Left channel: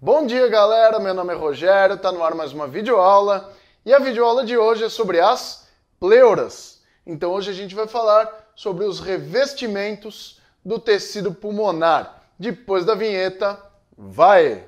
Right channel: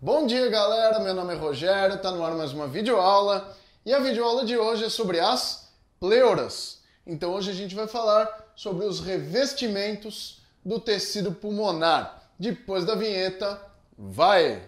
Bom dia, galera! Meu nome é Rogério, tá no ar mais uma videoaula e a videoaula de hoje é sobre as pleuras. Então hoje a gente vai falar sobre os revestimentos do tecido pulmonar. Depois da vinheta, vai!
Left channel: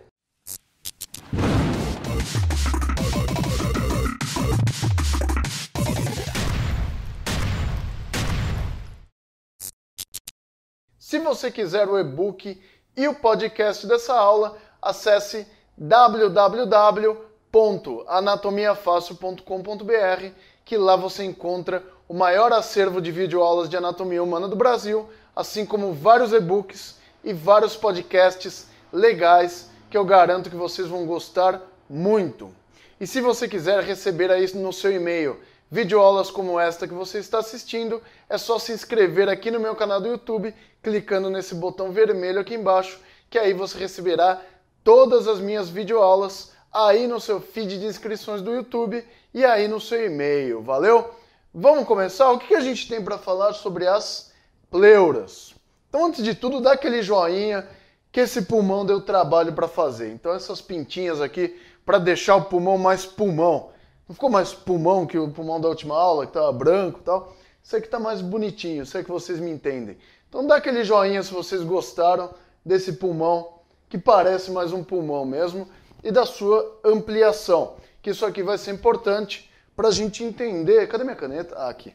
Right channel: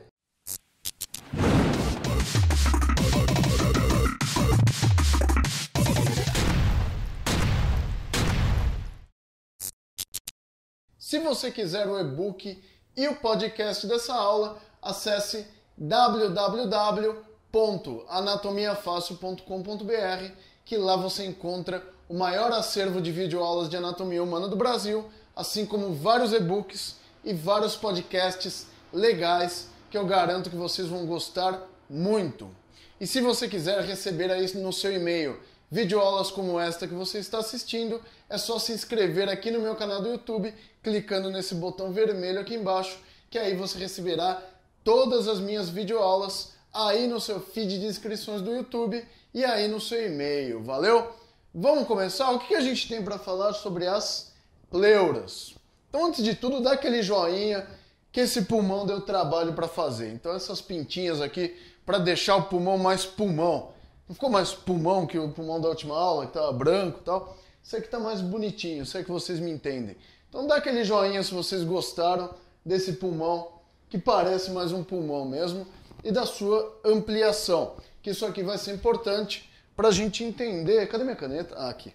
Se você quiser o e-book e o podcast dessa aula, acesse www.anatomiafácil.com.br, que lá você encontra o maior acervo de videoaulas de anatomia humana do Brasil, assim como vários e-books e vários podcasts legais que eu garanto que vocês vão gostar muito. E se você quiser receber aí no seu e-mail videoaulas como esta que você está assistindo, é só se inscrever aqui no meu canal do YouTube, clicando nesse botão vermelho aqui embaixo, que aí você receberá todas as minhas videoaulas aí no seu feed de inscrições do YouTube e aí no seu e-mail, valeu? Vamos começar? O que a gente tem para falar sobre as pleuras? Então, antes de tudo, dá aquele joinha que esse pulmão deu trabalho para fazer. Então, essas pintinhas aqui para deixar o pulmão mais pulmão. Não ficou mais pulmão que o pulmão da última aula, que estava branco e tal? Isso aqui está mais bonitinho, sei que vocês me entendem. Então dá aquele joinha se vocês gostaram desse pulmão, que parece mais um pulmão mesmo, e da sua ampliação. Que isso aqui vai ser importante para a gente entender... Cadê minha caneta? Ah, aqui.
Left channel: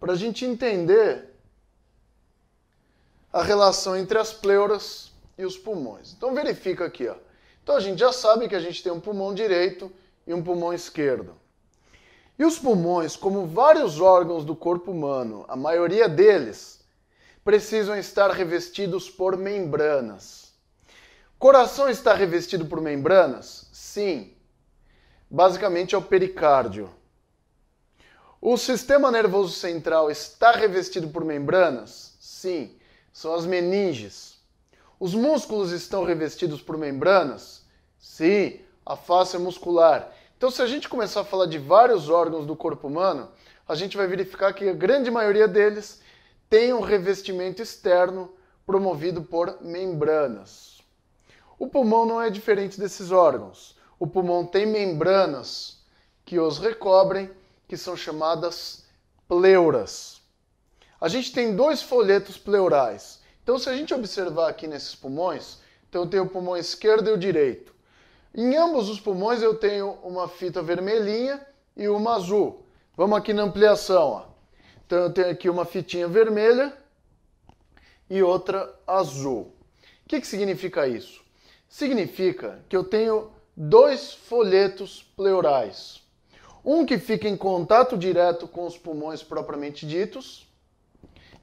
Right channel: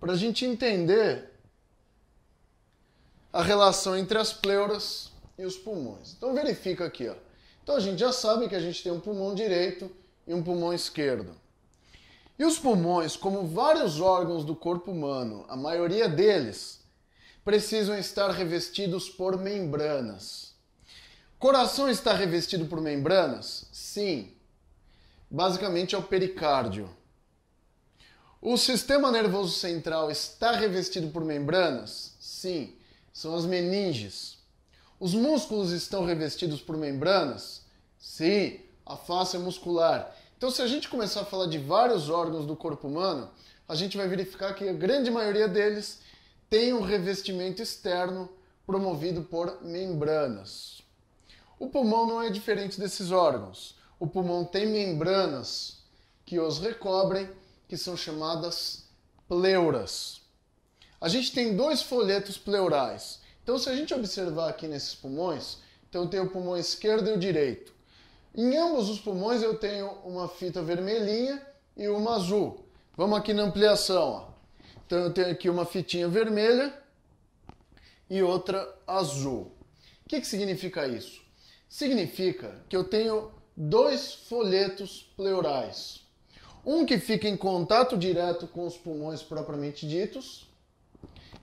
Para a gente entender a relação entre as pleuras e os pulmões. Então verifica aqui, ó. Então a gente já sabe que a gente tem um pulmão direito e um pulmão esquerdo. E os pulmões, como vários órgãos do corpo humano, a maioria deles, precisam estar revestidos por membranas. O coração está revestido por membranas? Sim. Basicamente é o pericárdio. O sistema nervoso central está revestido por membranas? Sim. São as meninges. Os músculos estão revestidos por membranas? Sim. A face muscular. Então, se a gente começar a falar de vários órgãos do corpo humano, a gente vai verificar que a grande maioria deles tem um revestimento externo promovido por membranas. O pulmão não é diferente desses órgãos. O pulmão tem membranas que os recobrem, que são chamadas pleuras. A gente tem dois folhetos pleurais. Então, se a gente observar aqui nesses pulmões, então eu tenho o pulmão esquerdo e o direito. Em ambos os pulmões eu tenho uma fita vermelhinha e uma azul. Vamos aqui na ampliação, ó. Então eu tenho aqui uma fitinha vermelha e outra azul. O que significa isso? Significa que eu tenho dois folhetos pleurais. Um que fica em contato direto com os pulmões propriamente ditos,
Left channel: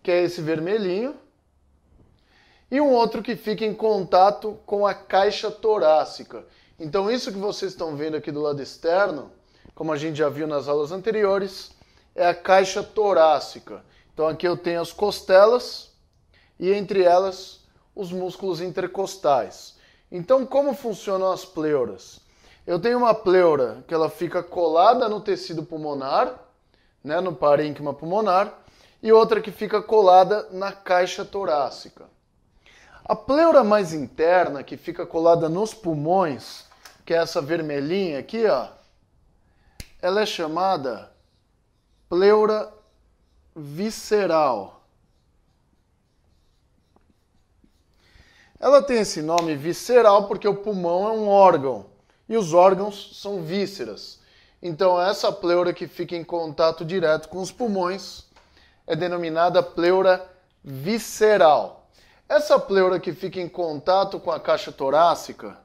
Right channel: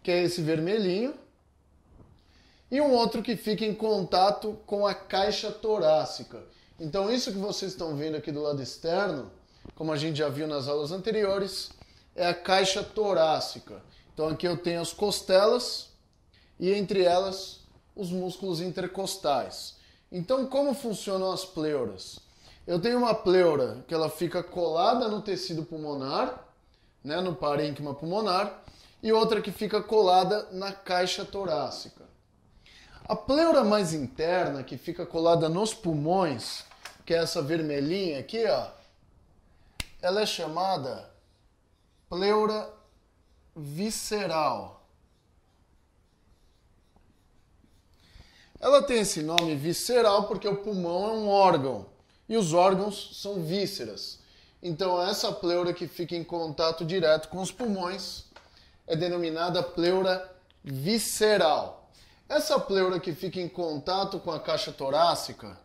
que é esse vermelhinho, e um outro que fica em contato com a caixa torácica. Então isso que vocês estão vendo aqui do lado externo, como a gente já viu nas aulas anteriores, é a caixa torácica. Então aqui eu tenho as costelas e entre elas os músculos intercostais. Então como funcionam as pleuras? Eu tenho uma pleura que ela fica colada no tecido pulmonar, né, no parênquima pulmonar, e outra que fica colada na caixa torácica. A pleura mais interna, que fica colada nos pulmões, que é essa vermelhinha aqui, ó, ela é chamada pleura visceral. Ela tem esse nome visceral porque o pulmão é um órgão e os órgãos são vísceras. Então essa pleura que fica em contato direto com os pulmões é denominada pleura visceral. Essa pleura que fica em contato com a caixa torácica,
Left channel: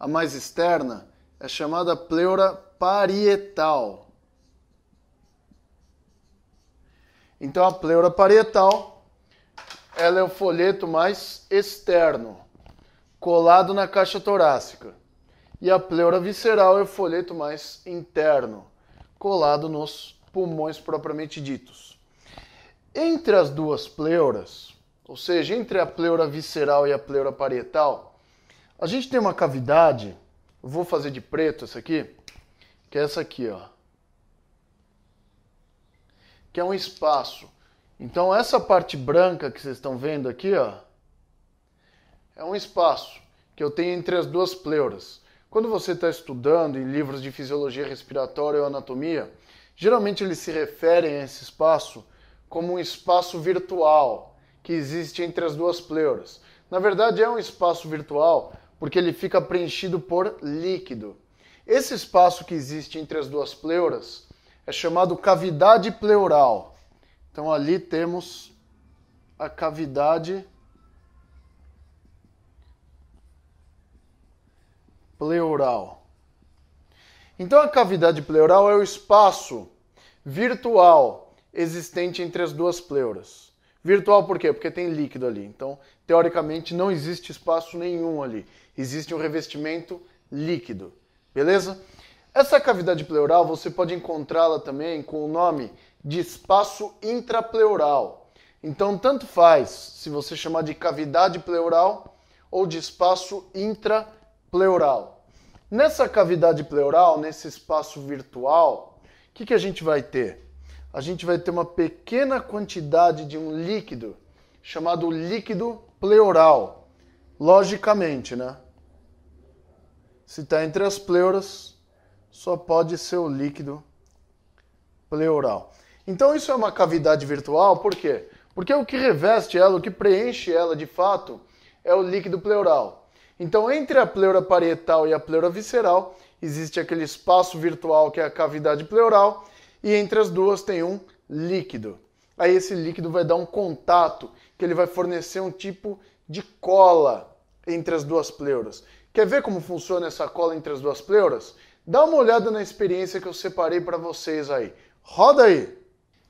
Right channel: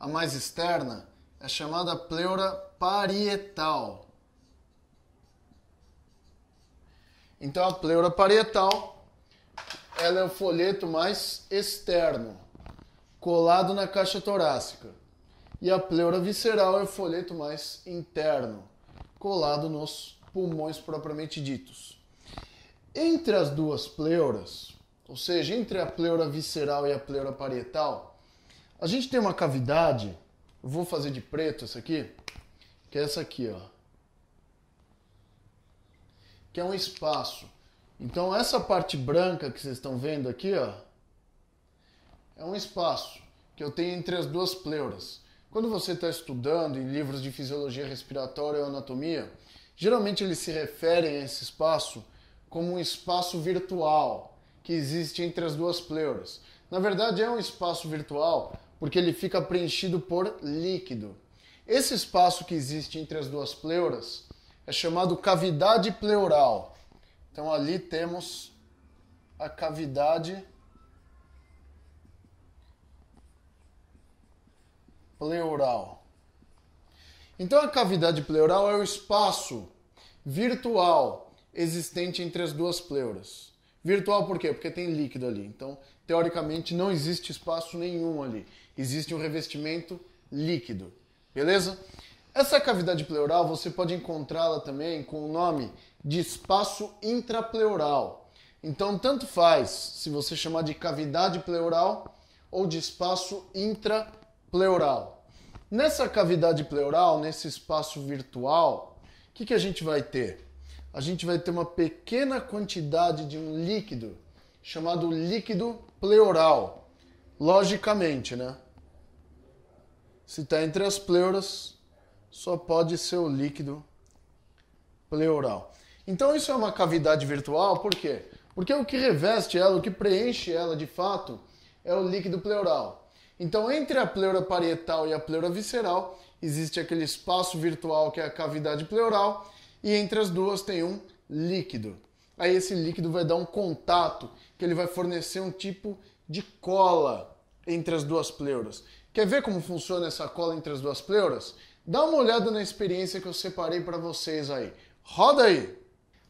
a mais externa, é chamada pleura parietal. Então a pleura parietal, ela é o folheto mais externo, colado na caixa torácica. E a pleura visceral é o folheto mais interno, colado nos pulmões propriamente ditos. Entre as duas pleuras, ou seja, entre a pleura visceral e a pleura parietal, a gente tem uma cavidade, eu vou fazer de preto essa aqui, que é essa aqui, ó. Que é um espaço. Então essa parte branca que vocês estão vendo aqui, ó, é um espaço que eu tenho entre as duas pleuras. Quando você está estudando em livros de fisiologia respiratória ou anatomia, geralmente eles se referem a esse espaço como um espaço virtual que existe entre as duas pleuras. Na verdade, é um espaço virtual porque ele fica preenchido por líquido. Esse espaço que existe entre as duas pleuras é chamado cavidade pleural. Então ali temos a cavidade pleural. Então a cavidade pleural é o espaço virtual existente entre as duas pleuras. Virtual por quê? Porque tem líquido ali. Então, teoricamente, não existe espaço nenhum ali. Existe um revestimento líquido. Beleza? Essa cavidade pleural você pode encontrá-la também com o nome de espaço intrapleural. Então, tanto faz se você chamar de cavidade pleural ou de espaço intrapleural. Nessa cavidade pleural, nesse espaço virtual, o que a gente vai ter? A gente vai ter uma pequena quantidade de um líquido chamado líquido pleural. Logicamente, né? Se está entre as pleuras, só pode ser o líquido pleural. Então isso é uma cavidade virtual, por quê? Porque o que reveste ela, o que preenche ela de fato, é o líquido pleural. Então entre a pleura parietal e a pleura visceral, existe aquele espaço virtual que é a cavidade pleural, e entre as duas tem um líquido. Aí esse líquido vai dar um contato, que ele vai fornecer um tipo de cola entre as duas pleuras. Quer ver como funciona essa cola entre as duas pleuras? Dá uma olhada na experiência que eu separei para vocês aí. Roda aí!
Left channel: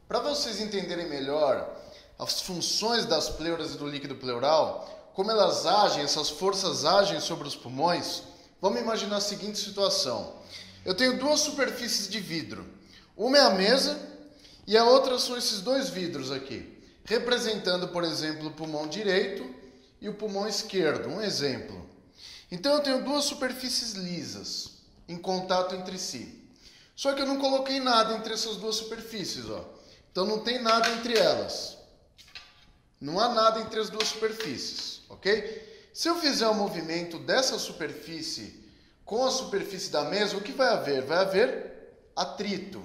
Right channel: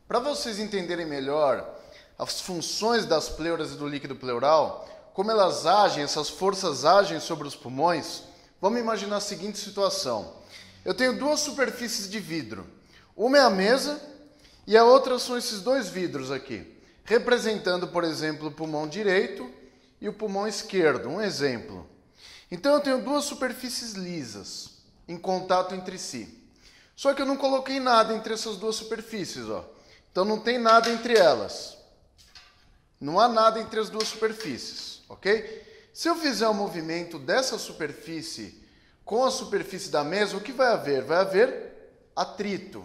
Para vocês entenderem melhor as funções das pleuras e do líquido pleural, como elas agem, essas forças agem sobre os pulmões, vamos imaginar a seguinte situação. Eu tenho duas superfícies de vidro. Uma é a mesa e a outra são esses dois vidros aqui, representando, por exemplo, o pulmão direito e o pulmão esquerdo. Um exemplo. Então eu tenho duas superfícies lisas em contato entre si. Só que eu não coloquei nada entre essas duas superfícies, ó. Então não tem nada entre elas. Não há nada entre as duas superfícies, ok? Se eu fizer um movimento dessa superfície com a superfície da mesa, o que vai haver? Vai haver atrito.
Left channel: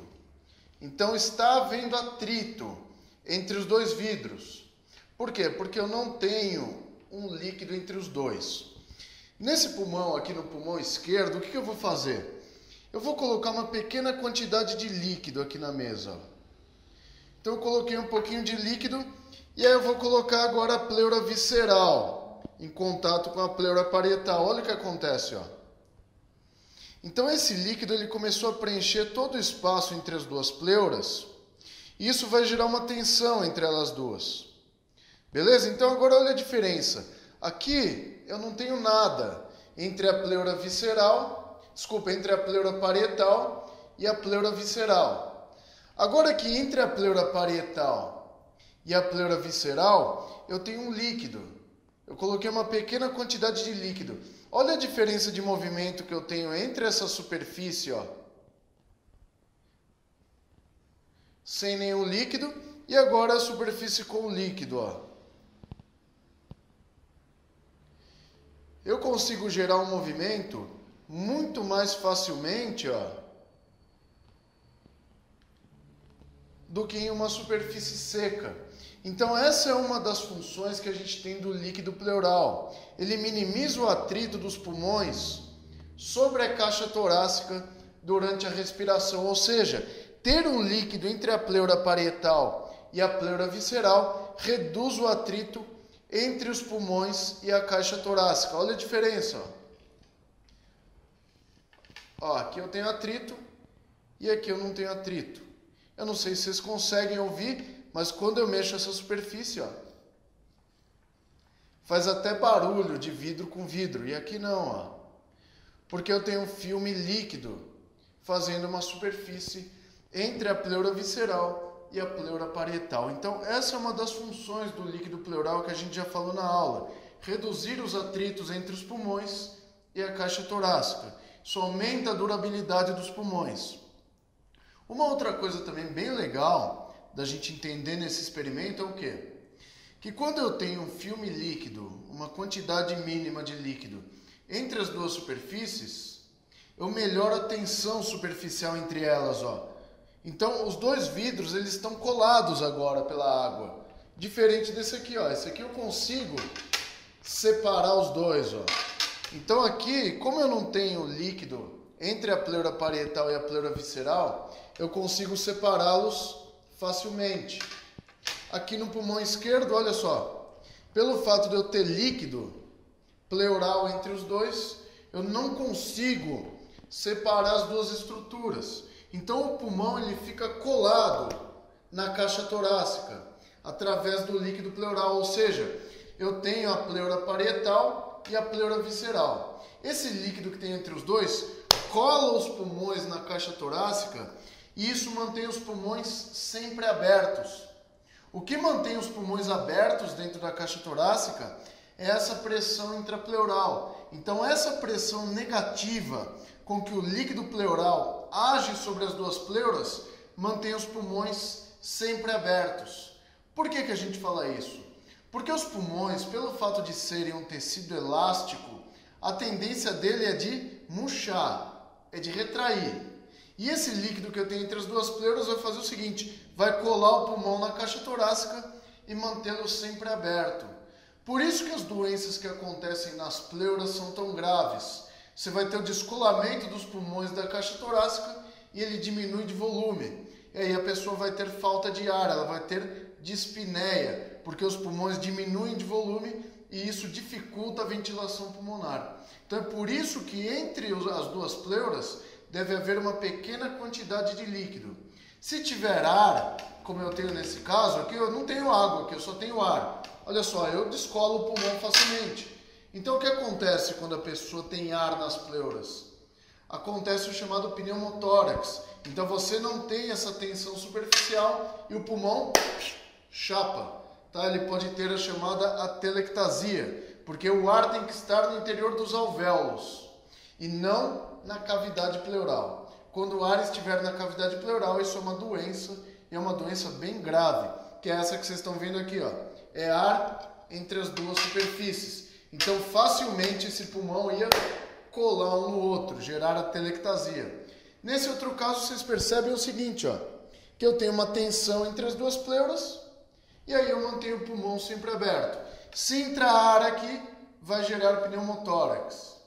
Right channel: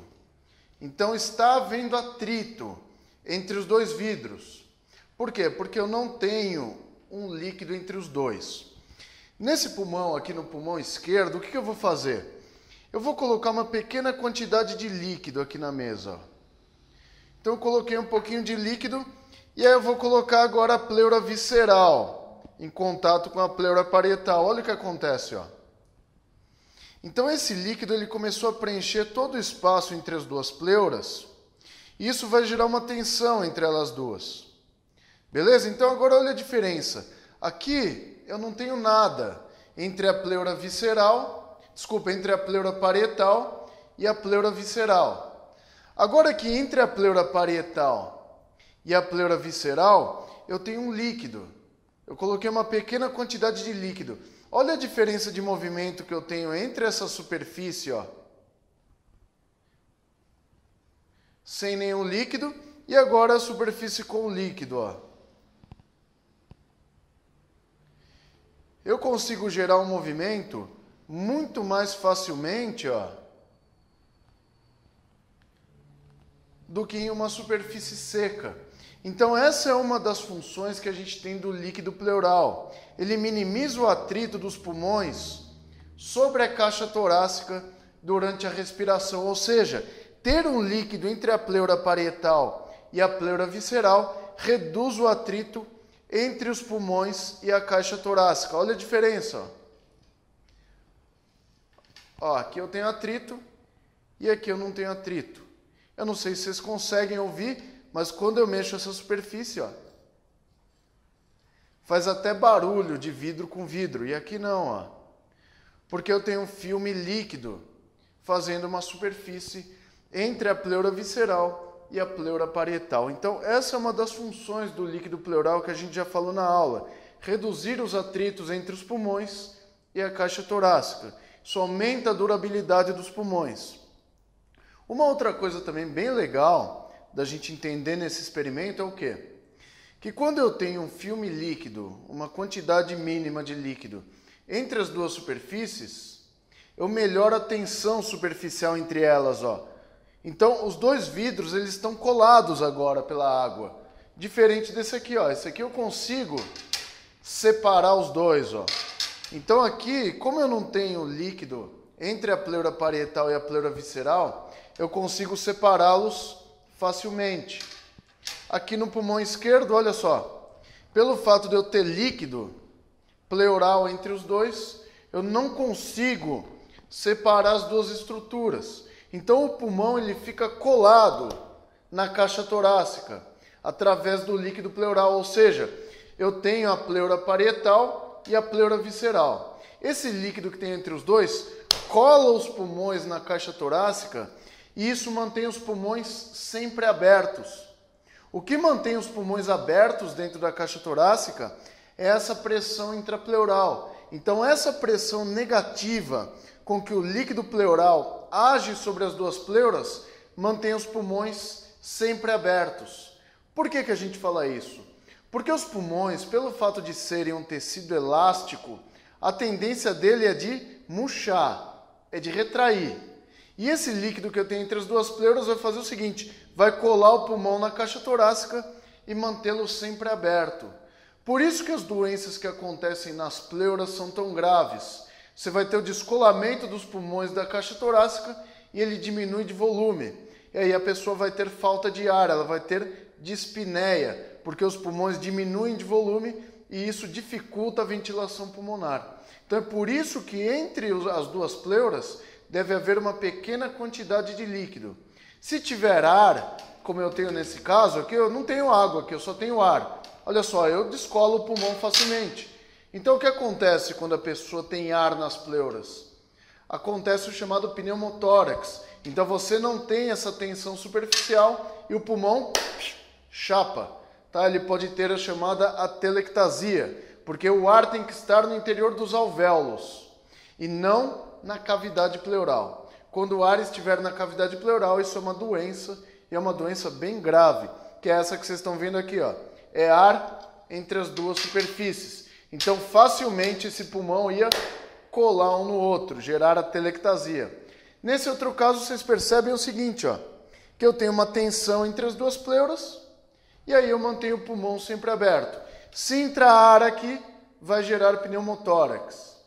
Então está havendo atrito entre os dois vidros. Por quê? Porque eu não tenho um líquido entre os dois. Nesse pulmão, aqui no pulmão esquerdo, o que eu vou fazer? Eu vou colocar uma pequena quantidade de líquido aqui na mesa. Então eu coloquei um pouquinho de líquido e aí eu vou colocar agora a pleura visceral em contato com a pleura parietal. Olha o que acontece, ó. Então esse líquido ele começou a preencher todo o espaço entre as duas pleuras e isso vai gerar uma tensão entre elas duas. Beleza? Então agora olha a diferença. Aqui eu não tenho nada entre a pleura visceral, entre a pleura parietal e a pleura visceral. Agora aqui entre a pleura parietal e a pleura visceral, eu tenho um líquido. Eu coloquei uma pequena quantidade de líquido. Olha a diferença de movimento que eu tenho entre essa superfície, ó, sem nenhum líquido, e agora a superfície com líquido, ó. Eu consigo gerar um movimento muito mais facilmente, ó, do que em uma superfície seca. Então essa é uma das funções que a gente tem do líquido pleural. Ele minimiza o atrito dos pulmões sobre a caixa torácica durante a respiração, ou seja, ter um líquido entre a pleura parietal e a pleura visceral reduz o atrito entre os pulmões e a caixa torácica. Olha a diferença. Ó, aqui eu tenho atrito e aqui eu não tenho atrito. Eu não sei se vocês conseguem ouvir, mas quando eu mexo essa superfície, ó, faz até barulho de vidro com vidro. E aqui não, ó, porque eu tenho um filme líquido fazendo uma superfície entre a pleura visceral e a pleura parietal. Então, essa é uma das funções do líquido pleural que a gente já falou na aula. Reduzir os atritos entre os pulmões e a caixa torácica. Isso aumenta a durabilidade dos pulmões. Uma outra coisa também bem legal da gente entender nesse experimento é o quê? Que quando eu tenho um filme líquido, uma quantidade mínima de líquido, entre as duas superfícies, eu melhoro a tensão superficial entre elas, ó. Então, os dois vidros, eles estão colados agora pela água. Diferente desse aqui, ó. Esse aqui eu consigo separar os dois, ó. Então aqui, como eu não tenho líquido entre a pleura parietal e a pleura visceral, eu consigo separá-los facilmente. Aqui no pulmão esquerdo, olha só, pelo fato de eu ter líquido pleural entre os dois, eu não consigo separar as duas estruturas. Então o pulmão ele fica colado na caixa torácica, através do líquido pleural, ou seja, eu tenho a pleura parietal e a pleura visceral. Esse líquido que tem entre os dois cola os pulmões na caixa torácica e isso mantém os pulmões sempre abertos. O que mantém os pulmões abertos dentro da caixa torácica é essa pressão intrapleural. Então essa pressão negativa com que o líquido pleural age sobre as duas pleuras mantém os pulmões sempre abertos. Por que a gente fala isso? Porque os pulmões, pelo fato de serem um tecido elástico, a tendência dele é de murchar, é de retrair. E esse líquido que eu tenho entre as duas pleuras vai fazer o seguinte, vai colar o pulmão na caixa torácica e mantê-lo sempre aberto. Por isso que as doenças que acontecem nas pleuras são tão graves. Você vai ter o descolamento dos pulmões da caixa torácica e ele diminui de volume. E aí a pessoa vai ter falta de ar, ela vai ter dispneia, porque os pulmões diminuem de volume e isso dificulta a ventilação pulmonar. Então é por isso que entre as duas pleuras deve haver uma pequena quantidade de líquido. Se tiver ar, como eu tenho nesse caso, aqui eu não tenho água, aqui eu só tenho ar. Olha só, eu descolo o pulmão facilmente. Então o que acontece quando a pessoa tem ar nas pleuras? Acontece o chamado pneumotórax. Então você não tem essa tensão superficial e o pulmão chapa. Tá? Ele pode ter a chamada atelectasia, porque o ar tem que estar no interior dos alvéolos e não na cavidade pleural. Quando o ar estiver na cavidade pleural, isso é uma doença, e é uma doença bem grave, que é essa que vocês estão vendo aqui, ó. É ar entre as duas superfícies. Então, facilmente esse pulmão ia colar um no outro, gerar atelectasia. Nesse outro caso, vocês percebem o seguinte, ó, que eu tenho uma tensão entre as duas pleuras, e aí eu mantenho o pulmão sempre aberto. Se entrar ar aqui, vai gerar pneumotórax.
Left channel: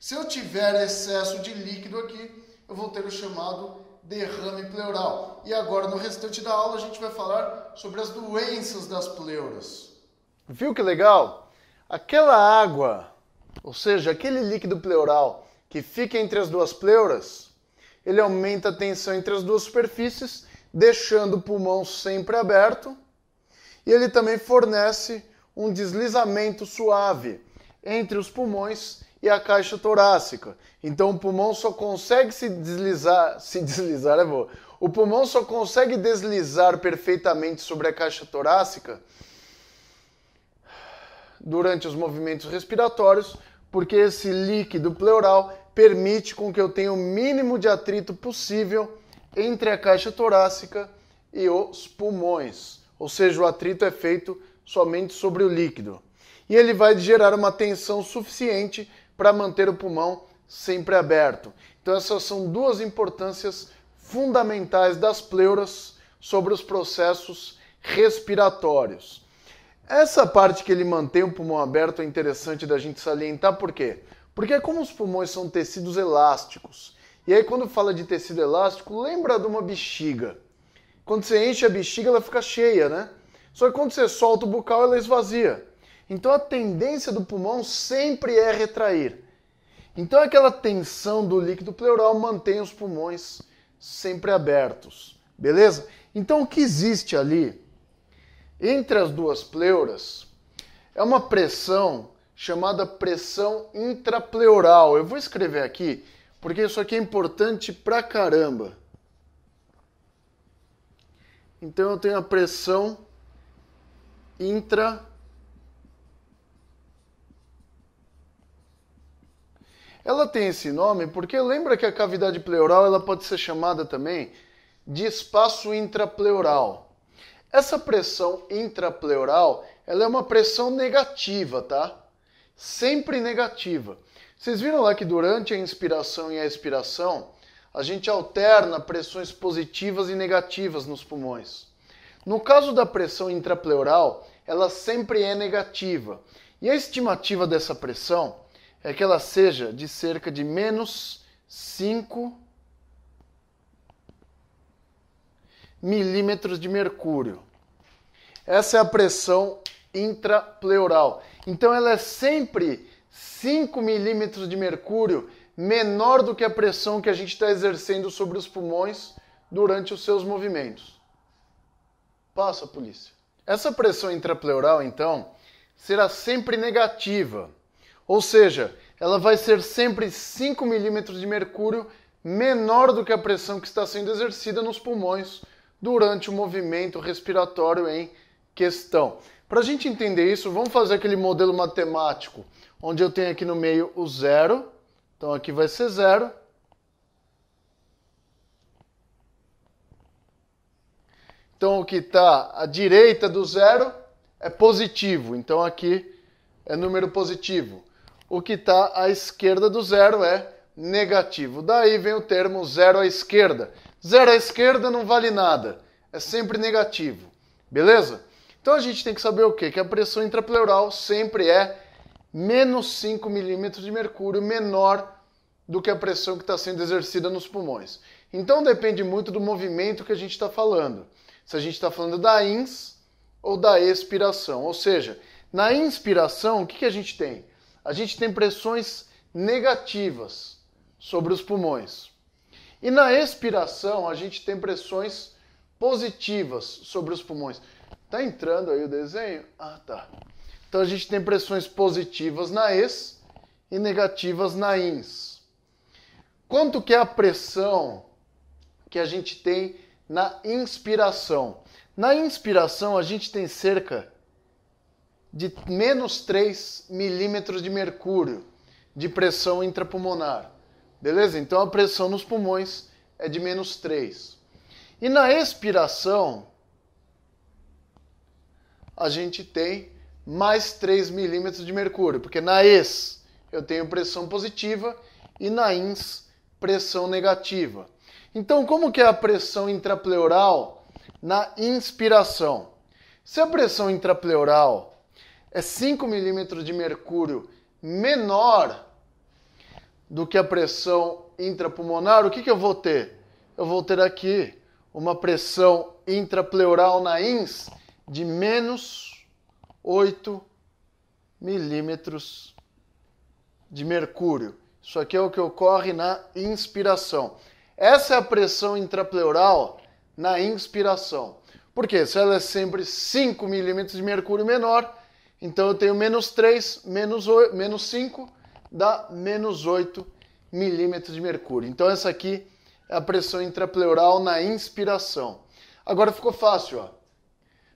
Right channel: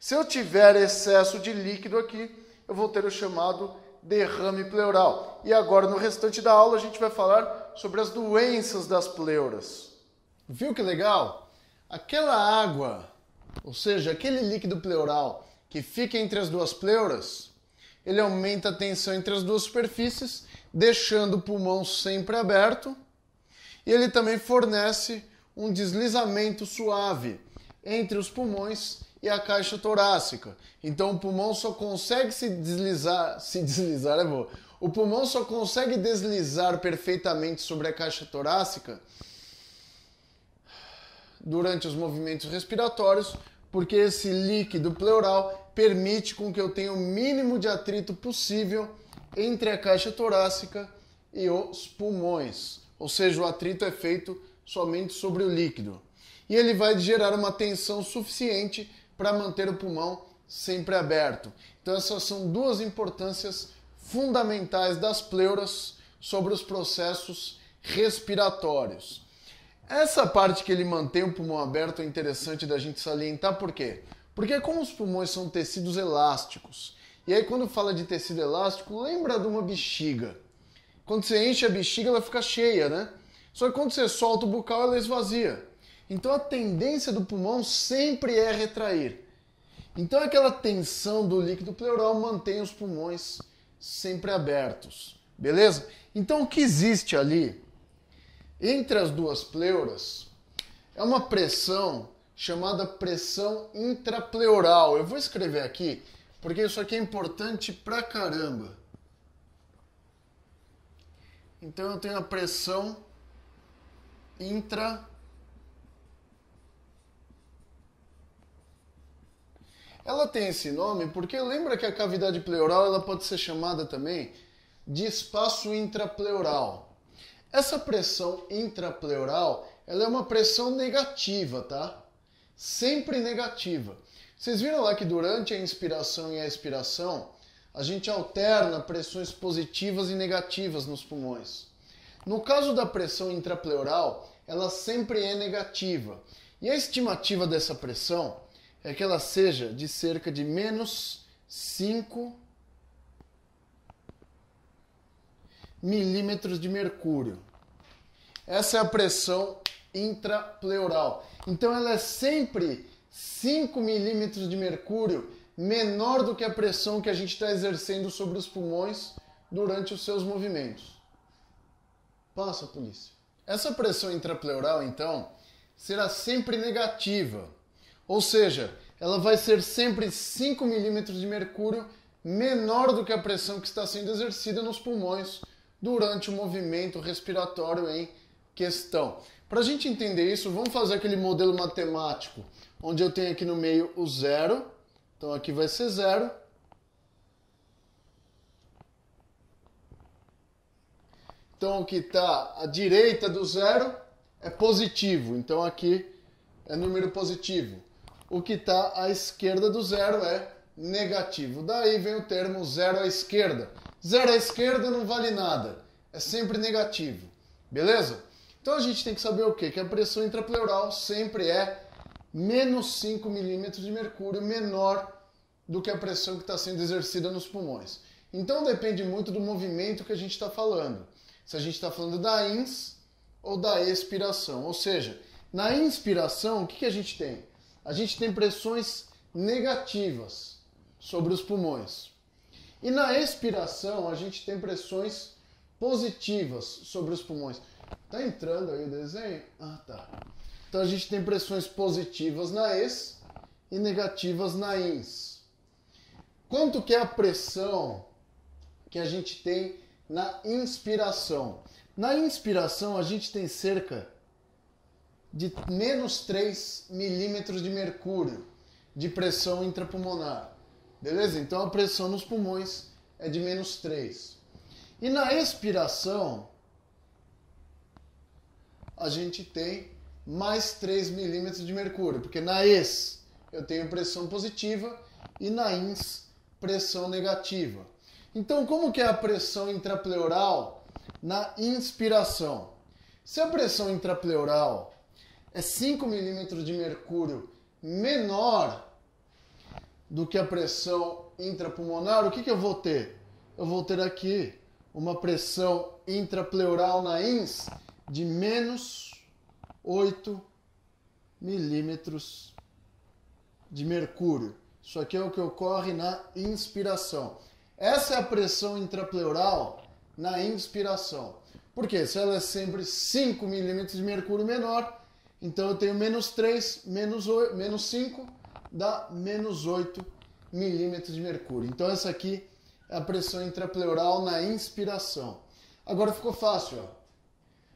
Se eu tiver excesso de líquido aqui, eu vou ter o chamado derrame pleural. E agora, no restante da aula, a gente vai falar sobre as doenças das pleuras. Viu que legal? Aquela água, ou seja, aquele líquido pleural que fica entre as duas pleuras, ele aumenta a tensão entre as duas superfícies, deixando o pulmão sempre aberto, e ele também fornece um deslizamento suave entre os pulmões e a caixa torácica. Então o pulmão só consegue o pulmão só consegue deslizar perfeitamente sobre a caixa torácica durante os movimentos respiratórios, porque esse líquido pleural permite com que eu tenha o mínimo de atrito possível entre a caixa torácica e os pulmões. Ou seja, o atrito é feito somente sobre o líquido. E ele vai gerar uma tensão suficiente para manter o pulmão sempre aberto. Então essas são duas importâncias fundamentais das pleuras sobre os processos respiratórios. Essa parte que ele mantém o pulmão aberto é interessante da gente salientar, por quê? Porque como os pulmões são tecidos elásticos, e aí quando fala de tecido elástico, lembra de uma bexiga. Quando você enche a bexiga, ela fica cheia, né? Só que quando você solta o bucal, ela esvazia. Então a tendência do pulmão sempre é retrair. Então aquela tensão do líquido pleural mantém os pulmões sempre abertos. Beleza? Então o que existe ali entre as duas pleuras é uma pressão chamada pressão intrapleural. Eu vou escrever aqui porque isso aqui é importante pra caramba. Então eu tenho a pressão intrapleural. Ela tem esse nome porque lembra que a cavidade pleural ela pode ser chamada também de espaço intrapleural. Essa pressão intrapleural ela é uma pressão negativa, tá? Sempre negativa. Vocês viram lá que durante a inspiração e a expiração, a gente alterna pressões positivas e negativas nos pulmões. No caso da pressão intrapleural, ela sempre é negativa. E a estimativa dessa pressão é que ela seja de cerca de menos 5 milímetros de mercúrio. Essa é a pressão intrapleural. Então ela é sempre 5 milímetros de mercúrio menor do que a pressão que a gente está exercendo sobre os pulmões durante os seus movimentos. Passa, polícia. Essa pressão intrapleural, então, será sempre negativa. Ou seja, ela vai ser sempre 5 milímetros de mercúrio menor do que a pressão que está sendo exercida nos pulmões durante o movimento respiratório em questão. Para a gente entender isso, vamos fazer aquele modelo matemático, onde eu tenho aqui no meio o zero. Então aqui vai ser zero. Então o que está à direita do zero é positivo. Então aqui é número positivo. O que está à esquerda do zero é negativo. Daí vem o termo zero à esquerda. Zero à esquerda não vale nada. É sempre negativo. Beleza? Então a gente tem que saber o quê? Que a pressão intrapleural sempre é menos 5 milímetros de mercúrio menor do que a pressão que está sendo exercida nos pulmões. Então depende muito do movimento que a gente está falando. Se a gente está falando da ins ou da expiração. Ou seja, na inspiração, o que a gente tem? A gente tem pressões negativas sobre os pulmões. E na expiração, a gente tem pressões positivas sobre os pulmões. Tá entrando aí o desenho? Ah, tá. Então a gente tem pressões positivas na ex e negativas na ins. Quanto que é a pressão que a gente tem na inspiração? Na inspiração a gente tem cerca de menos 3 milímetros de mercúrio de pressão intrapulmonar. Beleza? Então a pressão nos pulmões é de menos 3. E na expiração a gente tem mais 3 milímetros de mercúrio, porque na ex eu tenho pressão positiva e na ins pressão negativa. Então, como que é a pressão intrapleural na inspiração? Se a pressão intrapleural é 5 milímetros de mercúrio menor do que a pressão intrapulmonar, o que eu vou ter? Eu vou ter aqui uma pressão intrapleural na ins de menos 8 milímetros de mercúrio. Isso aqui é o que ocorre na inspiração. Essa é a pressão intrapleural na inspiração. Por quê? Se ela é sempre 5 milímetros de mercúrio menor, então eu tenho menos 3, menos 5, dá menos 8 milímetros de mercúrio. Então essa aqui é a pressão intrapleural na inspiração. Agora ficou fácil, ó.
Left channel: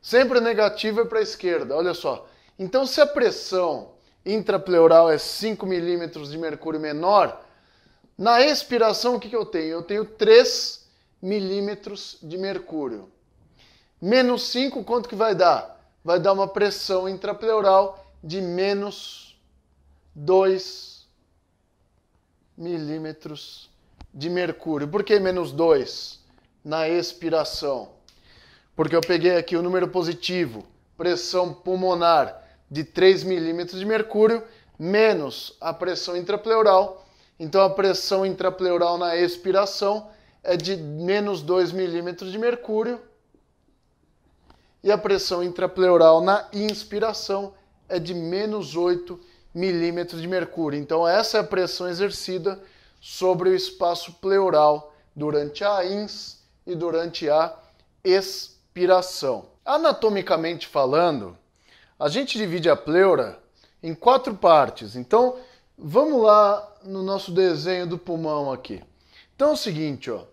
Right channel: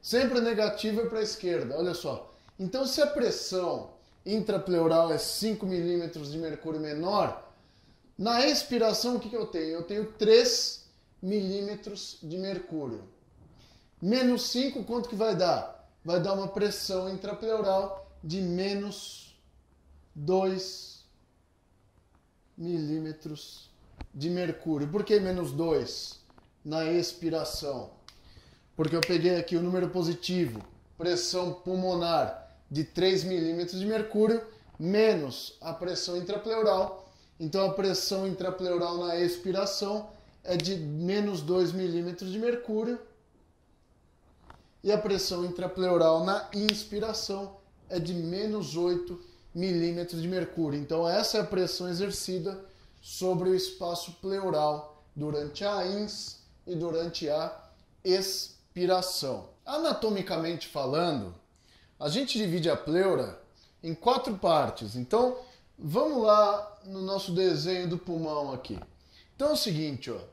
Sempre negativo é para a esquerda, olha só. Então se a pressão intrapleural é 5 milímetros de mercúrio menor, na expiração o que eu tenho? Eu tenho 3 milímetros de mercúrio. Menos 5, quanto que vai dar? Vai dar uma pressão intrapleural de menos 2 milímetros de mercúrio. Por que menos 2 na expiração? Porque eu peguei aqui o número positivo, pressão pulmonar de 3 milímetros de mercúrio, menos a pressão intrapleural. Então a pressão intrapleural na expiração é de menos 2 milímetros de mercúrio. E a pressão intrapleural na inspiração é de menos 8 milímetros de mercúrio. Então essa é a pressão exercida sobre o espaço pleural durante a ins e durante a expiração. Anatomicamente falando, a gente divide a pleura em 4 partes. Então vamos lá no nosso desenho do pulmão aqui. Então é o seguinte, ó. O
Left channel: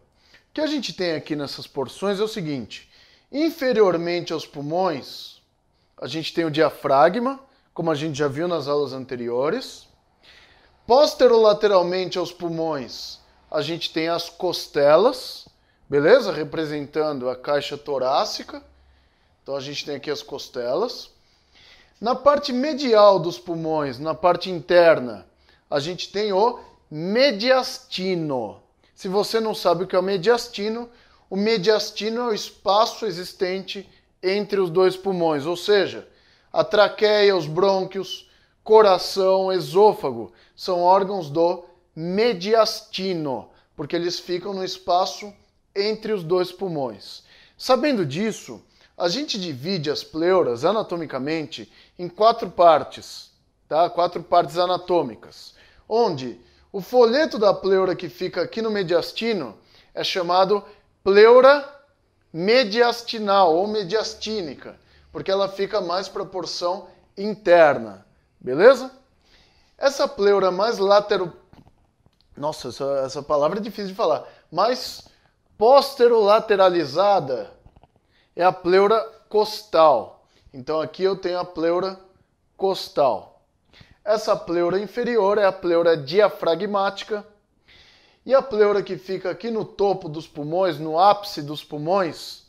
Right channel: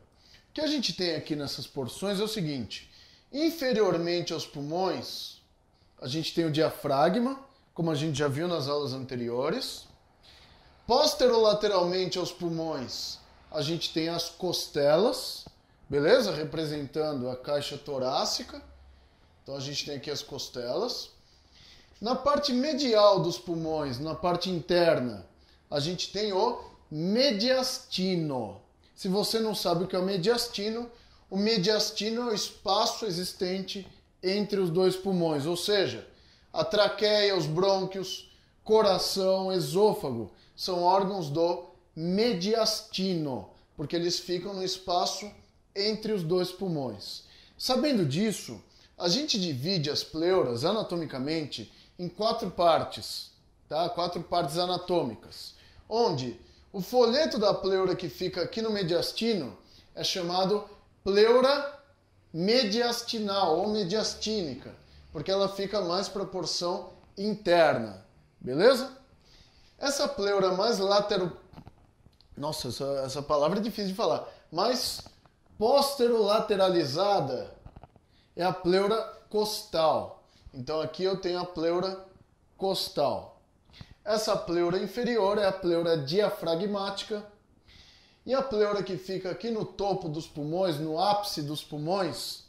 que a gente tem aqui nessas porções é o seguinte. Inferiormente aos pulmões, a gente tem o diafragma, como a gente já viu nas aulas anteriores. Posterolateralmente aos pulmões, a gente tem as costelas, beleza? Representando a caixa torácica. Então a gente tem aqui as costelas. Na parte medial dos pulmões, na parte interna, a gente tem o mediastino. Se você não sabe o que é o mediastino é o espaço existente entre os dois pulmões, ou seja, a traqueia, os brônquios, coração, esôfago, são órgãos do mediastino, porque eles ficam no espaço entre os dois pulmões. Sabendo disso, a gente divide as pleuras anatomicamente em 4 partes, tá? 4 partes anatômicas, onde o folheto da pleura que fica aqui no mediastino é chamado pleura mediastinal ou mediastínica, porque ela fica mais para a porção interna, beleza? Essa pleura mais Nossa, essa palavra é difícil de falar. Mais posterolateralizada é a pleura costal. Então aqui eu tenho a pleura costal. Essa pleura inferior é a pleura diafragmática. E a pleura que fica aqui no topo dos pulmões, no ápice dos pulmões,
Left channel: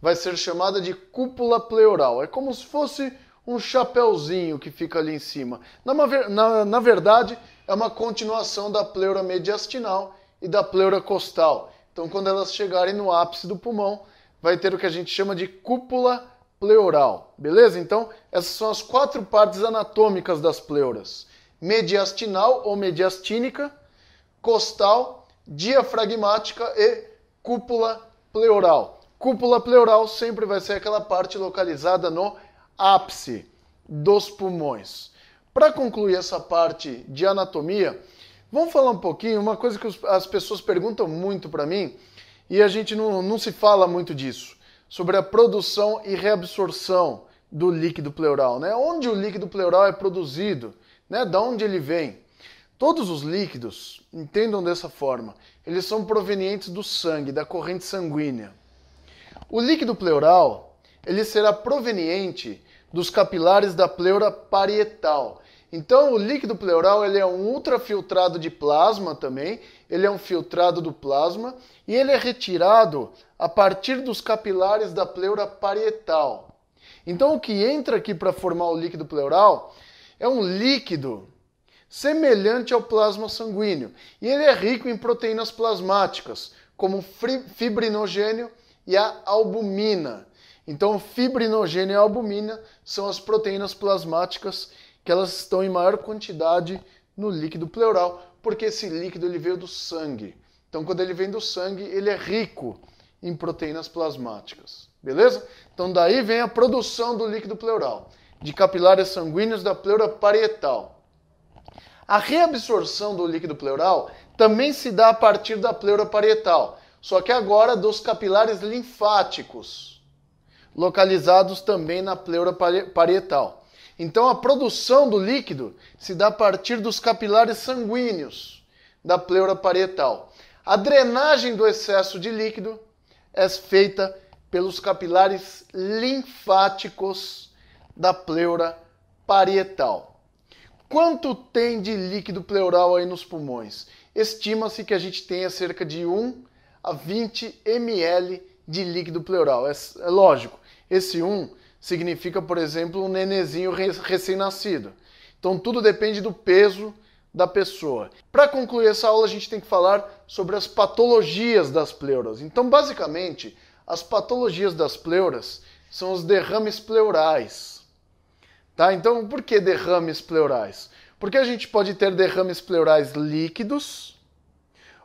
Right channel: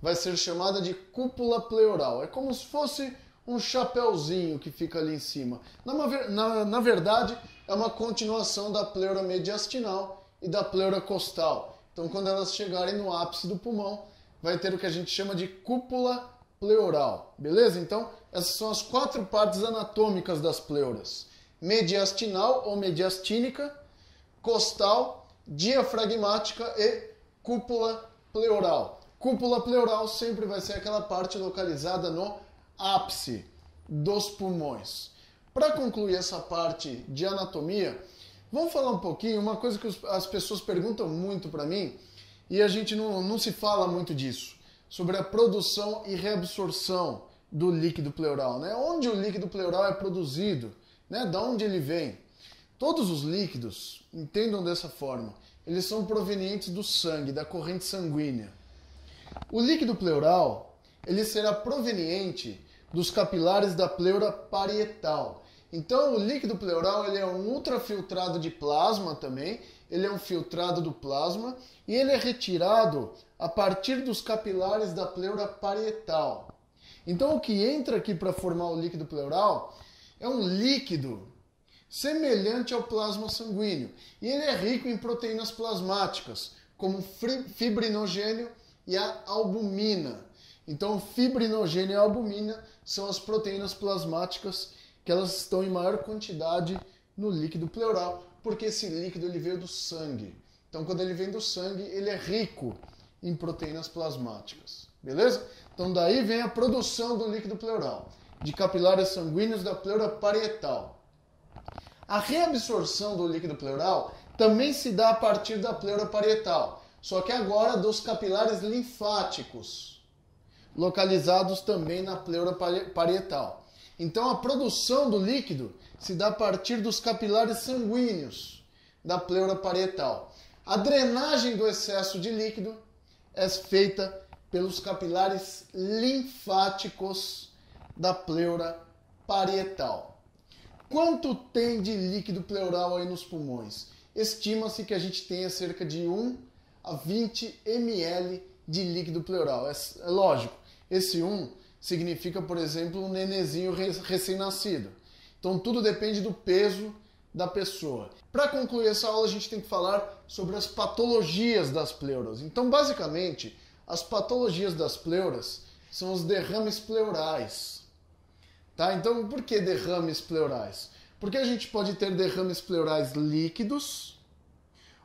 vai ser chamada de cúpula pleural. É como se fosse um chapéuzinho que fica ali em cima. Na verdade, é uma continuação da pleura mediastinal e da pleura costal. Então, quando elas chegarem no ápice do pulmão, vai ter o que a gente chama de cúpula pleural. Beleza? Então, essas são as 4 partes anatômicas das pleuras. Mediastinal ou mediastínica, costal, diafragmática e cúpula pleural. Cúpula pleural sempre vai ser aquela parte localizada no ápice dos pulmões. Para concluir essa parte de anatomia, vamos falar um pouquinho, uma coisa que as pessoas perguntam muito para mim, e a gente não se fala muito disso, sobre a produção e reabsorção do líquido pleural, né? Onde o líquido pleural é produzido, né? Da onde ele vem. Todos os líquidos, entendam dessa forma, eles são provenientes do sangue, da corrente sanguínea. O líquido pleural, ele será proveniente dos capilares da pleura parietal. Então, o líquido pleural ele é um ultrafiltrado de plasma também, ele é um filtrado do plasma e ele é retirado a partir dos capilares da pleura parietal. Então, o que entra aqui para formar o líquido pleural é um líquido semelhante ao plasma sanguíneo e ele é rico em proteínas plasmáticas, como o fibrinogênio e a albumina. Então, o fibrinogênio e a albumina são as proteínas plasmáticas que elas estão em maior quantidade no líquido pleural, porque esse líquido ele veio do sangue. Então, quando ele vem do sangue, ele é rico em proteínas plasmáticas. Beleza? Então, daí vem a produção do líquido pleural, de capilares sanguíneos da pleura parietal. A reabsorção do líquido pleural também se dá a partir da pleura parietal, só que agora dos capilares linfáticos, localizados também na pleura parietal. Então a produção do líquido se dá a partir dos capilares sanguíneos da pleura parietal. A drenagem do excesso de líquido é feita pelos capilares linfáticos da pleura parietal. Quanto tem de líquido pleural aí nos pulmões? Estima-se que a gente tenha cerca de 1 a 20 ml de líquido pleural. É lógico, esse 1 significa, por exemplo, um nenezinho recém-nascido. Então tudo depende do peso da pessoa. Para concluir essa aula, a gente tem que falar sobre as patologias das pleuras. Então, basicamente, as patologias das pleuras são os derrames pleurais. Tá? Então, por que derrames pleurais? Porque a gente pode ter derrames pleurais líquidos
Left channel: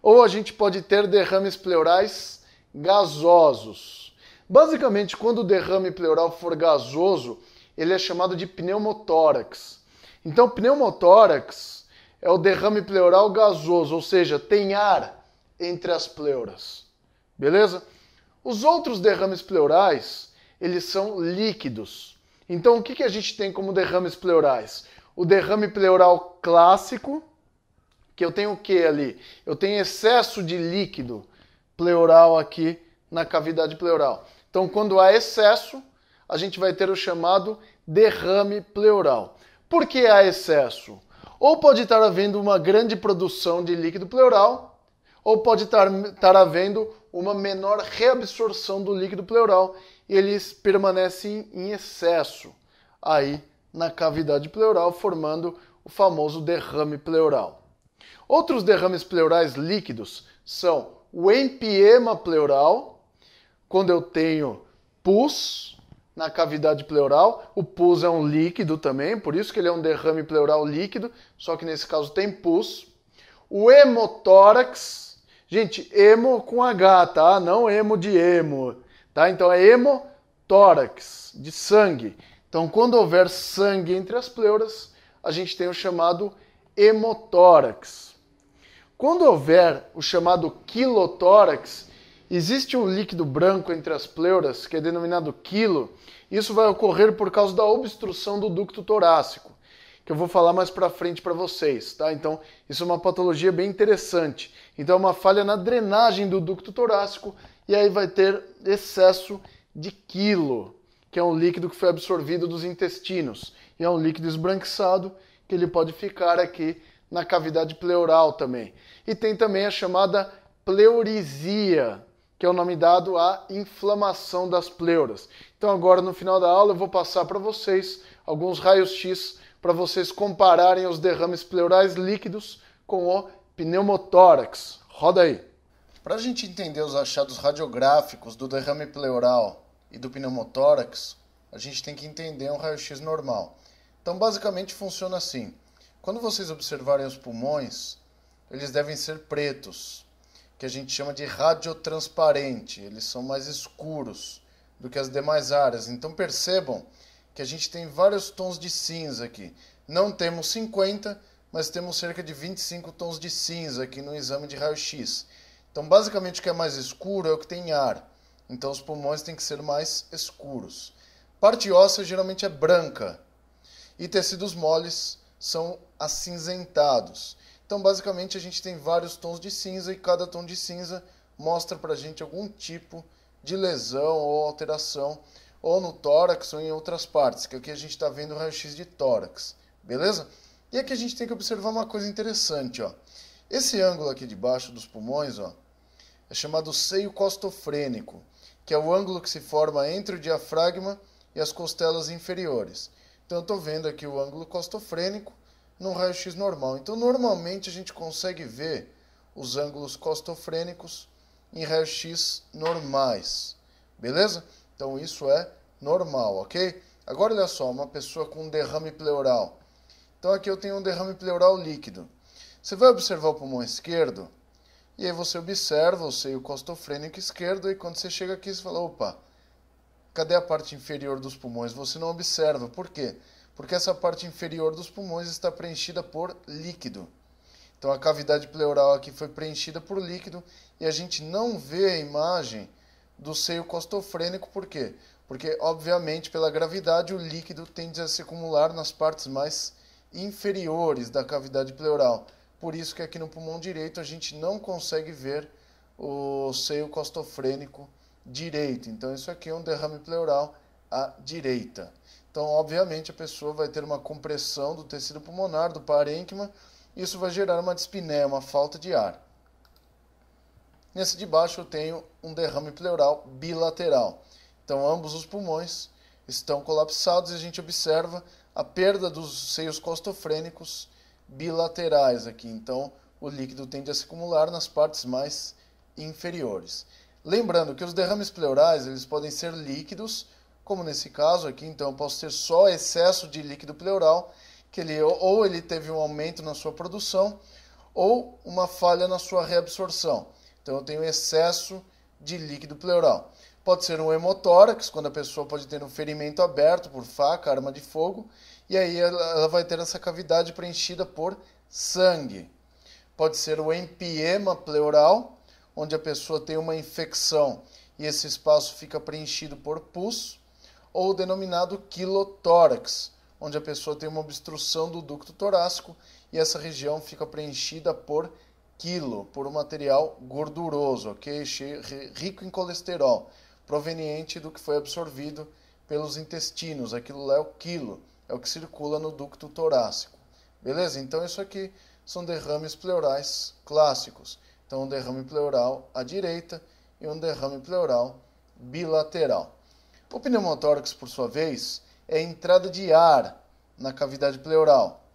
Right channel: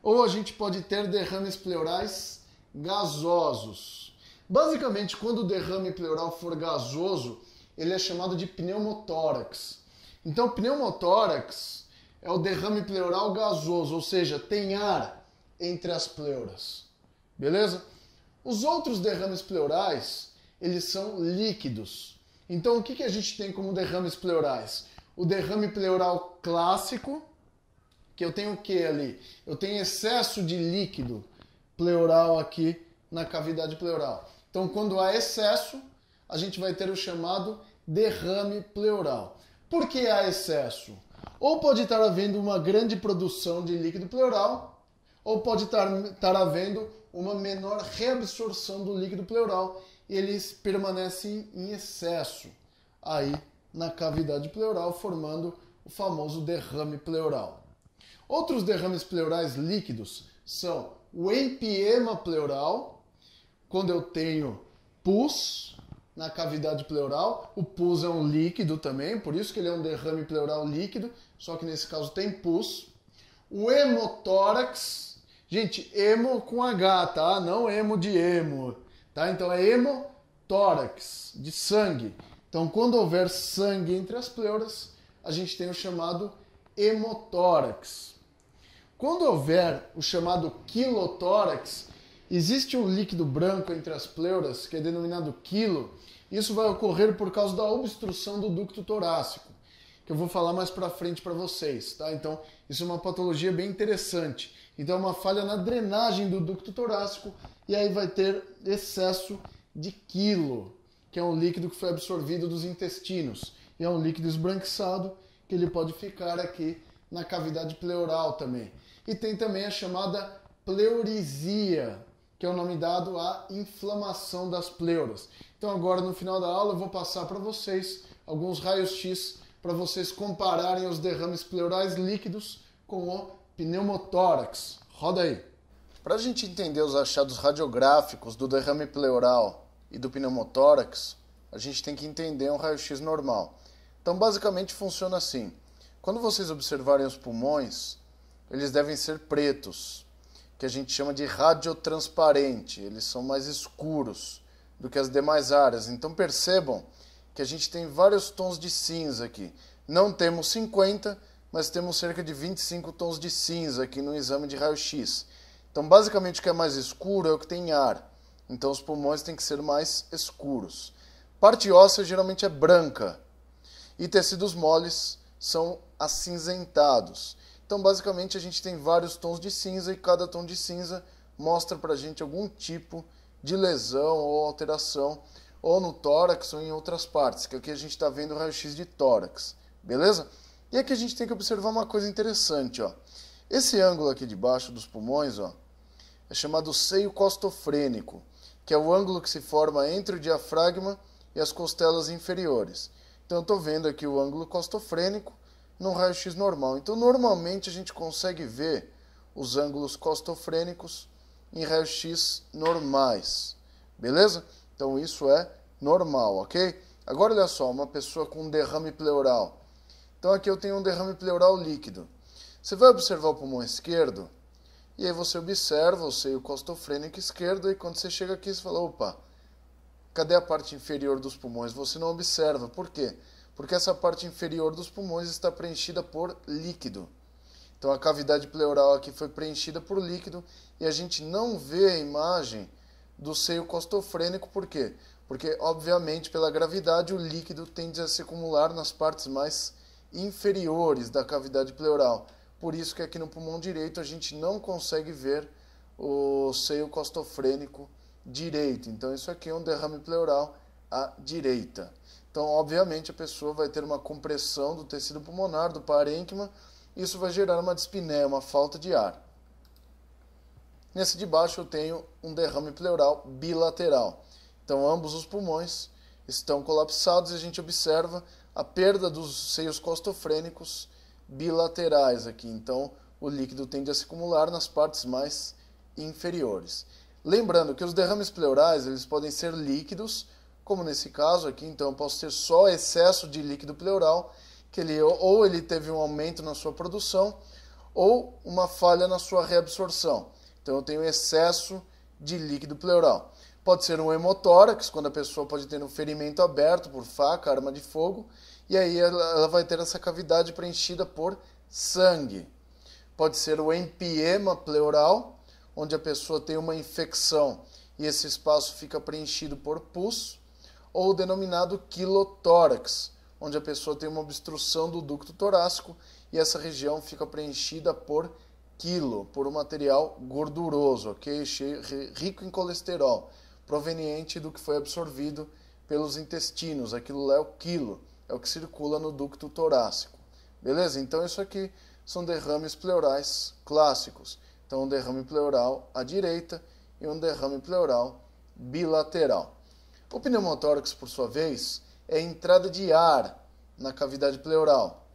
ou a gente pode ter derrames pleurais gasosos. Basicamente, quando o derrame pleural for gasoso, ele é chamado de pneumotórax. Então, pneumotórax é o derrame pleural gasoso, ou seja, tem ar entre as pleuras. Beleza? Os outros derrames pleurais, eles são líquidos. Então, o que a gente tem como derrames pleurais? O derrame pleural clássico, que eu tenho o que ali? Eu tenho excesso de líquido pleural aqui na cavidade pleural. Então, quando há excesso, a gente vai ter o chamado derrame pleural. Por que há excesso? Ou pode estar havendo uma grande produção de líquido pleural, ou pode estar havendo uma menor reabsorção do líquido pleural e eles permanecem em excesso aí na cavidade pleural, formando o famoso derrame pleural. Outros derrames pleurais líquidos são o empiema pleural, quando eu tenho pus na cavidade pleural. O pus é um líquido também, por isso que ele é um derrame pleural líquido, só que nesse caso tem pus. O hemotórax, gente, hemo com H, tá? Não hemo de hemo, tá? Então é hemotórax, de sangue. Então quando houver sangue entre as pleuras, a gente tem o chamado hemotórax. Quando houver o chamado quilotórax, existe um líquido branco entre as pleuras, que é denominado quilo. Isso vai ocorrer por causa da obstrução do ducto torácico, que eu vou falar mais para frente para vocês, tá? Então, isso é uma patologia bem interessante. Então, é uma falha na drenagem do ducto torácico e aí vai ter excesso de quilo, que é um líquido que foi absorvido dos intestinos. E é um líquido esbranquiçado que ele pode ficar aqui na cavidade pleural também. E tem também a chamada pleurisia, que é o nome dado à inflamação das pleuras. Então agora no final da aula eu vou passar para vocês alguns raios-x para vocês compararem os derrames pleurais líquidos com o pneumotórax. Roda aí. Para a gente entender os achados radiográficos do derrame pleural e do pneumotórax, a gente tem que entender um raio-x normal. Então basicamente funciona assim. Quando vocês observarem os pulmões, eles devem ser pretos, que a gente chama de radiotransparente. Eles são mais escuros do que as demais áreas. Então percebam que a gente tem vários tons de cinza aqui. Não temos 50, mas temos cerca de 25 tons de cinza aqui no exame de raio-x. Então basicamente o que é mais escuro é o que tem ar. Então os pulmões têm que ser mais escuros. Parte óssea geralmente é branca e tecidos moles são acinzentados. Então, basicamente, a gente tem vários tons de cinza e cada tom de cinza mostra para a gente algum tipo de lesão ou alteração, ou no tórax ou em outras partes, que aqui a gente está vendo o raio-x de tórax, beleza? E aqui a gente tem que observar uma coisa interessante, ó. Esse ângulo aqui de baixo dos pulmões, ó, é chamado seio costofrênico, que é o ângulo que se forma entre o diafragma e as costelas inferiores. Então, eu estou vendo aqui o ângulo costofrênico num raio-x normal. Então, normalmente, a gente consegue ver os ângulos costofrênicos em raio-x normais. Beleza? Então, isso é normal, ok? Agora, olha só, uma pessoa com um derrame pleural. Então, aqui eu tenho um derrame pleural líquido. Você vai observar o pulmão esquerdo, e aí você observa o seio costofrênico esquerdo, e quando você chega aqui, você fala, opa, cadê a parte inferior dos pulmões? Você não observa. Por quê? Porque essa parte inferior dos pulmões está preenchida por líquido. Então a cavidade pleural aqui foi preenchida por líquido e a gente não vê a imagem do seio costofrênico. Por quê? Porque, obviamente, pela gravidade, o líquido tende a se acumular nas partes mais inferiores da cavidade pleural. Por isso que aqui no pulmão direito a gente não consegue ver o seio costofrênico direito. Então isso aqui é um derrame pleural à direita. Então, obviamente, a pessoa vai ter uma compressão do tecido pulmonar, do parênquima, e isso vai gerar uma dispneia, uma falta de ar. Nesse de baixo eu tenho um derrame pleural bilateral. Então, ambos os pulmões estão colapsados e a gente observa a perda dos seios costofrênicos bilaterais aqui. Então, o líquido tende a se acumular nas partes mais inferiores. Lembrando que os derrames pleurais eles podem ser líquidos, como nesse caso aqui, então eu posso ter só excesso de líquido pleural, que ele teve um aumento na sua produção, ou uma falha na sua reabsorção. Então eu tenho excesso de líquido pleural. Pode ser um hemotórax, quando a pessoa pode ter um ferimento aberto por faca, arma de fogo, e aí ela vai ter essa cavidade preenchida por sangue. Pode ser o empiema pleural, onde a pessoa tem uma infecção e esse espaço fica preenchido por pus, ou o denominado quilotórax, onde a pessoa tem uma obstrução do ducto torácico e essa região fica preenchida por quilo, por um material gorduroso, ok? Rico em colesterol, proveniente do que foi absorvido pelos intestinos. Aquilo lá é o quilo, é o que circula no ducto torácico. Beleza? Então isso aqui são derrames pleurais clássicos. Então um derrame pleural à direita e um derrame pleural bilateral. O pneumotórax, por sua vez, é a entrada de ar na cavidade pleural.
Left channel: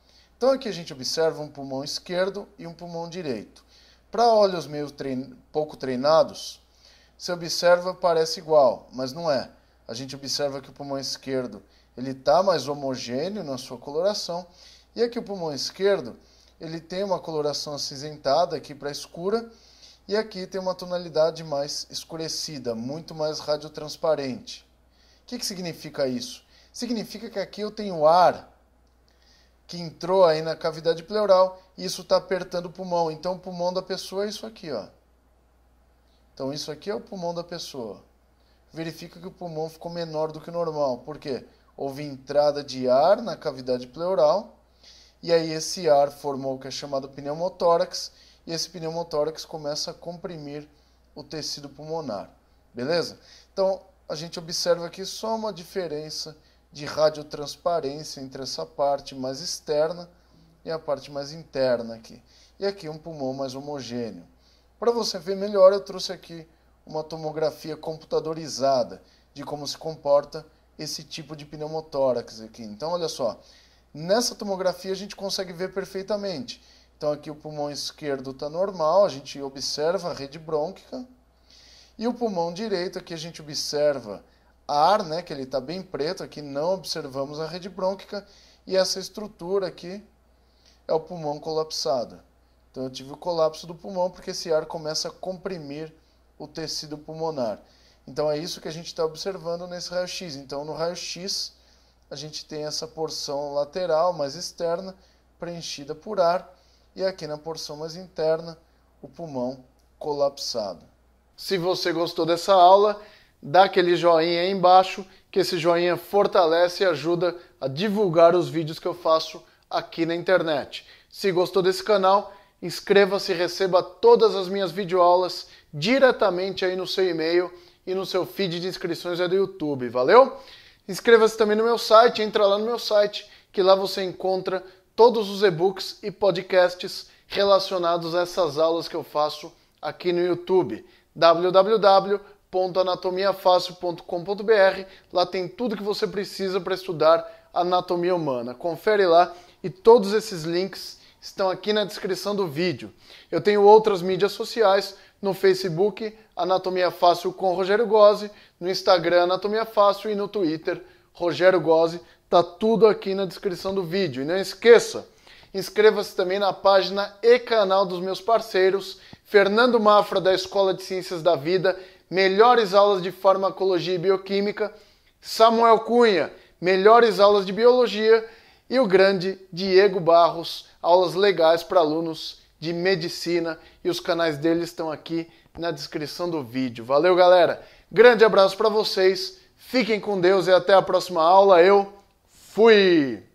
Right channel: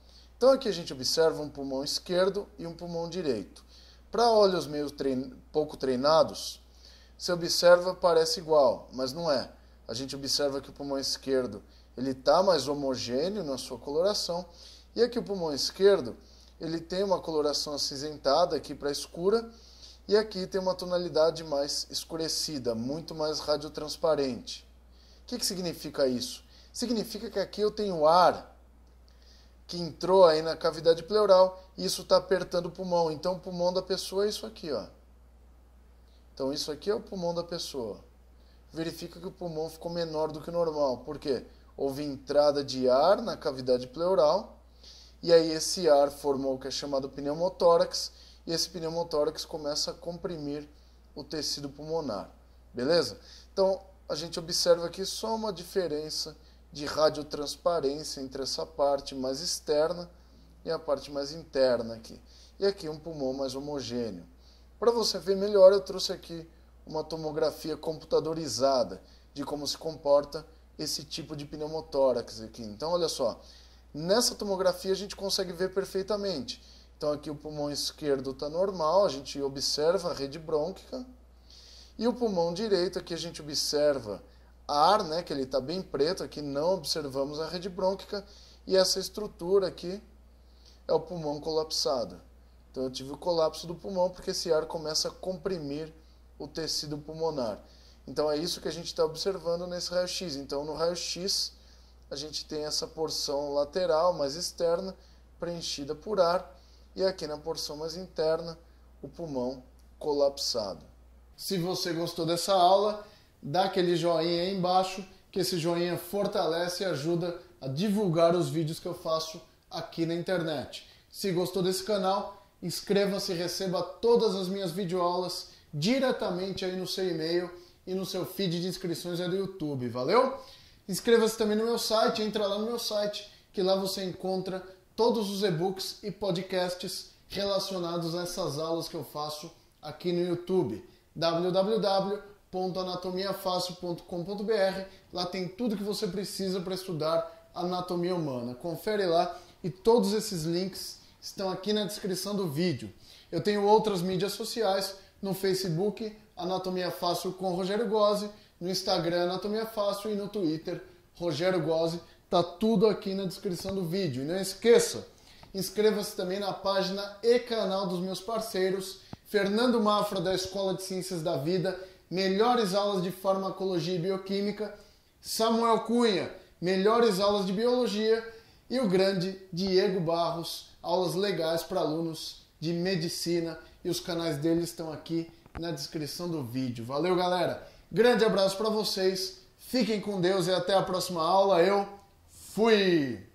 Então aqui a gente observa um pulmão esquerdo e um pulmão direito. Para olhos meio pouco treinados, você observa, parece igual, mas não é. A gente observa que o pulmão esquerdo ele está mais homogêneo na sua coloração, e aqui o pulmão esquerdo ele tem uma coloração acinzentada aqui para escura, e aqui tem uma tonalidade mais escurecida, muito mais radiotransparente. O que significa isso? Significa que aqui eu tenho ar que entrou aí na cavidade pleural e isso está apertando o pulmão. Então o pulmão da pessoa é isso aqui, ó. Então isso aqui é o pulmão da pessoa. Verifica que o pulmão ficou menor do que o normal. Por quê? Houve entrada de ar na cavidade pleural e aí esse ar formou o que é chamado pneumotórax e esse pneumotórax começa a comprimir o tecido pulmonar. Beleza? Então a gente observa aqui só uma diferença de radiotransparência entre essa parte mais externa e a parte mais interna aqui. E aqui um pulmão mais homogêneo. Para você ver melhor, eu trouxe aqui uma tomografia computadorizada de como se comporta esse tipo de pneumotórax aqui. Então, olha só, nessa tomografia a gente consegue ver perfeitamente. Então aqui o pulmão esquerdo está normal, a gente observa a rede brônquica. E o pulmão direito, aqui a gente observa ar, né, que ele está bem preto, aqui não observamos a rede brônquica, e essa estrutura aqui é o pulmão colapsado. Então eu tive o colapso do pulmão porque esse ar começa a comprimir o tecido pulmonar. Então é isso que a gente está observando nesse raio-x. Então no raio-x a gente tem essa porção lateral mais externa preenchida por ar, e aqui na porção mais interna o pulmão colapsado. Se você gostou dessa aula, dá aquele joinha aí embaixo, que esse joinha fortalece e ajuda a divulgar os vídeos que eu faço aqui na internet. Se gostou desse canal, inscreva-se e receba todas as minhas videoaulas diretamente aí no seu e-mail e no seu feed de inscrições aí do YouTube, valeu? Inscreva-se também no meu site, entra lá no meu site, que lá você encontra todos os e-books e podcasts relacionados a essas aulas que eu faço aqui no YouTube. www.anatomiafácil.com.br. Lá tem tudo que você precisa para estudar anatomia humana. Confere lá e todos esses links estão aqui na descrição do vídeo. Eu tenho outras mídias sociais, no Facebook, Anatomia Fácil com Rogério Gozzi, no Instagram, Anatomia Fácil, e no Twitter, Rogério Gozzi. Tá tudo aqui na descrição do vídeo. E não esqueça, inscreva-se também na página e canal dos meus parceiros, Fernando Mafra, da Escola de Ciências da Vida, melhores aulas de farmacologia e bioquímica, Samuel Cunha, melhores aulas de biologia, e o grande Diego Barros, aulas legais para alunos de medicina, e os canais deles estão aqui na descrição do vídeo. Valeu, galera! Grande abraço para vocês, fiquem com Deus e até a próxima aula. Eu fui!